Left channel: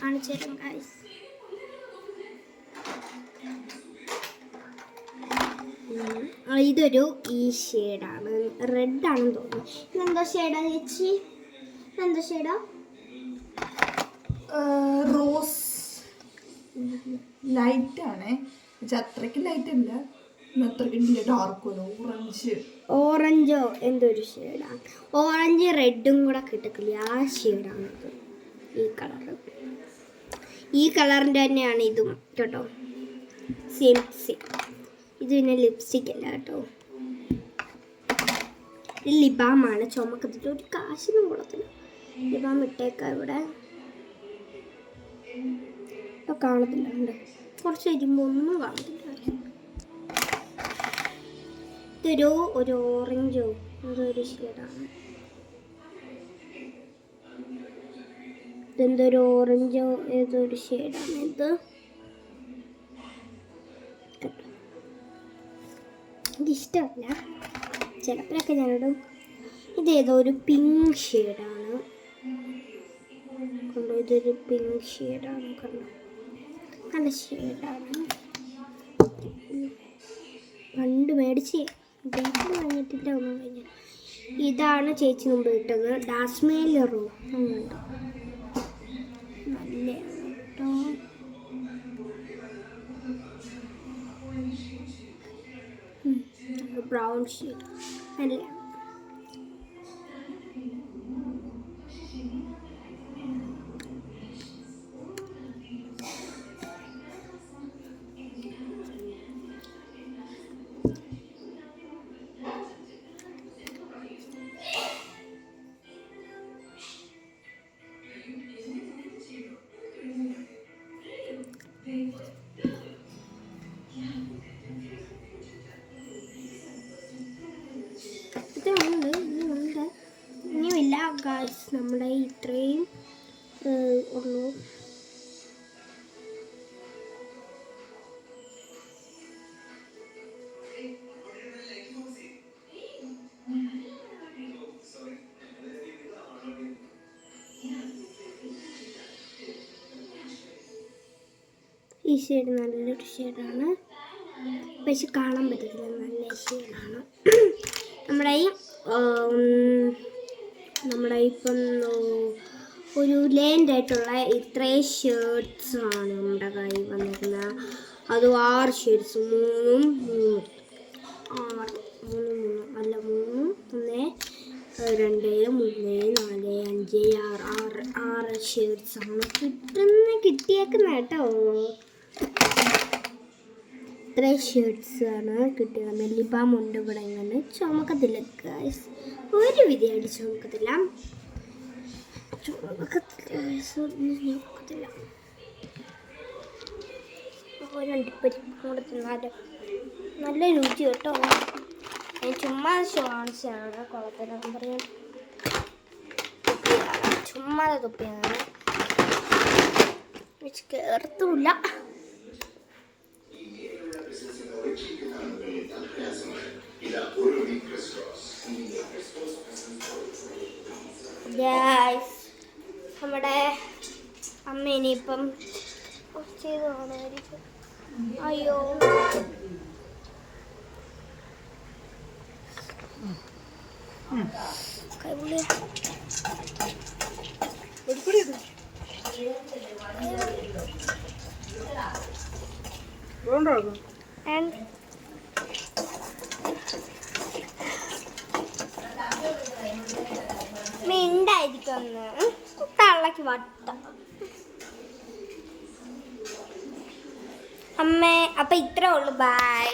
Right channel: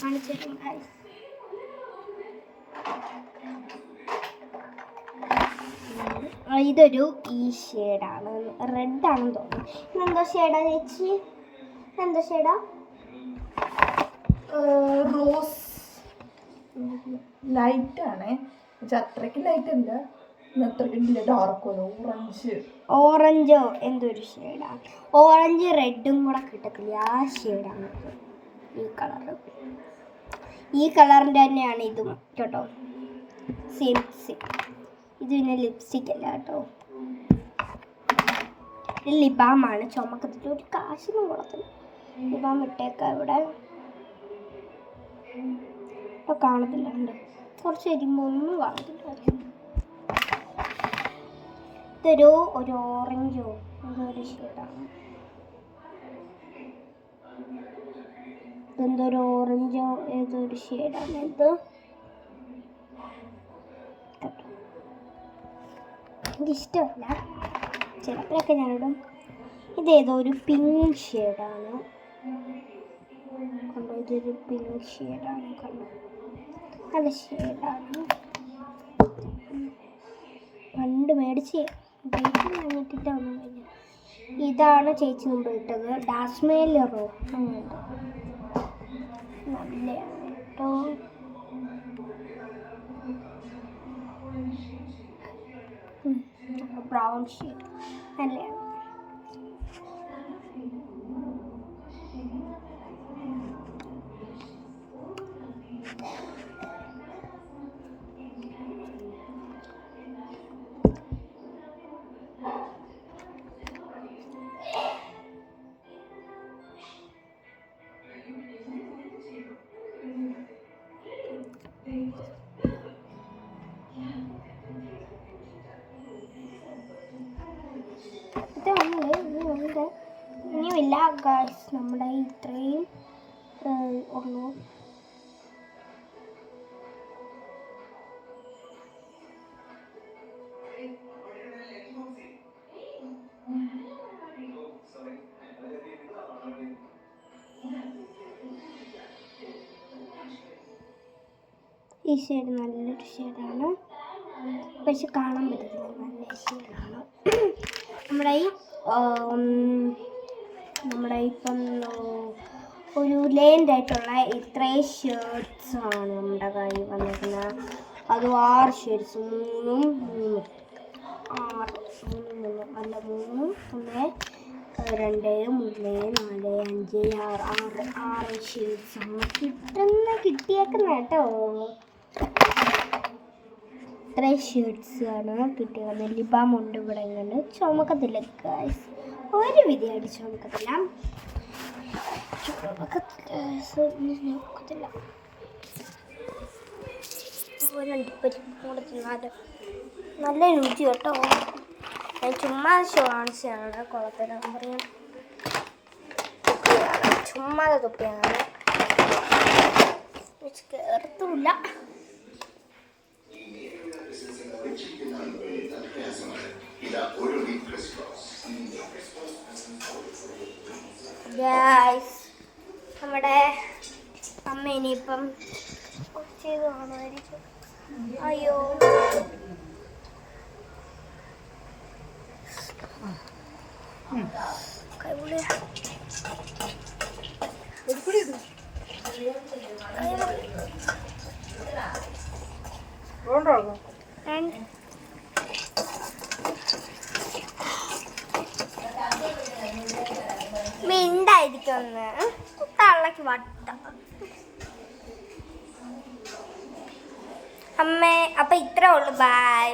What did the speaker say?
കാണിച്ചു തരാം ഗൈസ് ഇതൊരു ഈ ഷെയ്ഡാണ് റെഡ് ആണെന്ന് തോന്നുന്നു. എന്തോ ഷെയ്ഡാ ചേച്ചി? എന്തോ ഷെയ്ഡാ റോസ് ലൈറ്റ് ആണേ. അത്രയ്ക്ക് ലൈറ്റ് അല്ല. ഓറഞ്ച് ഓറഞ്ചോ എന്തൊരു ഒരു ഷെയ്ഡാണ് ഓറഞ്ച് റെഡും കൂടെ കിട്ടത്തില്ല. ആ ഷെയ്ഡാണ് ഈ കളറ് ഈ കളറിന്റെ തന്നെയാണ് ഇതും കേട്ടോ. സെയിം സെയിം ഇത് പിന്നെ ലിപ്സ്റ്റിക് അല്ല കേട്ടോ. ലിബാമാണ്. ചുമക്കത്തിട്ട് ഒരു കാശിനും കൊള്ളത്തില്ല ലിബാം ഇട്ടേക്ക ഇവിടെ. ഇപ്പൊ കാണത്തില്ല കുറച്ച് കഴിയുമ്പോൾ ഒന്നും കാണത്തില്ല ഇതൊരു ഒരു ഓറഞ്ചോ എന്തോ ഒരു ഷെയ്ഡാണ് ഇതെന്തോ ഒരു ഓറഞ്ചോ ഏതോ ഒരു ഷെയ്ഡാണ് ഇത്. എനിക്കിഷ്ടമല്ല ചിലപ്പോഴൊക്കെ ഞാനിടും. ഇതേതോ ഒരു പിങ്ക് ഷെയ്ഡാണ് ഇതൊരു പിങ്ക് ഷെയ്ഡാണ് കണ്ടോ? നല്ല ഷെയ്ഡാണ് പണ്ട് മേടിച്ച് വന്നിട്ടില്ല ഒന്നും കഴിഞ്ഞു ഇതാണ് ചേച്ചി മുമ്പ് കിട്ടുന്നത് ഡാസ്മേലറോ അങ്ങനെ brown sheet and layer. Thank you. ഇനിയുമില്ല ഗായ്സ് നമ്മുടെ ഇത്രയും ഉള്ളൂ. ഈ ഷെയ്ഡ് നല്ലൊരു ഷെയ്ഡാണ് പക്ഷെ കാണാൻ പറ്റത്തില്ല. നല്ല ഷെയ്ഡാണ് നമ്മുടെ ഈ ഉം, നമ്മുടെ ഇപ്പം ഉം, ഒരു ആയിട്ടുള്ള ഇത്രയും ഷർട്ട്സ് ആണ് നമ്മുടെ കയ്യിൽ വന്നിരിക്കുന്നത്. അത് ആറ് ഷേർട്സ് മൂന്നും മൂന്നും. മൂന്നും മൂന്നും അല്ല മൂന്നും ഒന്ന് രണ്ട് മൂന്ന് നാല് അഞ്ച് ആറ് ആറ് ആറ് ഷേർട്സാണ് കിട്ടുന്ന കിട്ടിയേക്കുന്ന കേട്ടോ. ഇത്രയും ഷർട്ട്സ് ആണ് കിട്ടിയത് നെല്ലിപ്പാം ഉണ്ട് ഇവിടെ ഇങ്ങനെ ചുമക്കത്തില്ല ഒരു വിധിയായിട്ട് അടിച്ച് ചുമക്കത്തില്ല. Guys. ചുമക്കത്തില്ല ഒരു അണ്ടിപ്പരിപ്പ് കൂടെ തിന്നാൽ നല്ല രുചി കേട്ടോ ഞാൻ ചുമ്മാ കാണിച്ചതാണ് കുളത്തിൽ പറയാൻ ചുമ്മാ തുപ്പിയാണ് വെച്ച് കയറത്തുമില്ല ഗായ്സ് നമ്മുടെ അമ്മ ഇനിയിപ്പം ചെയ്ത് കാണുമായിരിക്കും. അയ്യോ. കൈപുള്ളി ആൻഡ് മിണ്ടായിരിക്കുമെന്ന് തള്ളക്ക് വട്ട. അമ്മേ അപ്പൊ ഇത്രേ ഉള്ളൂ. ബൈ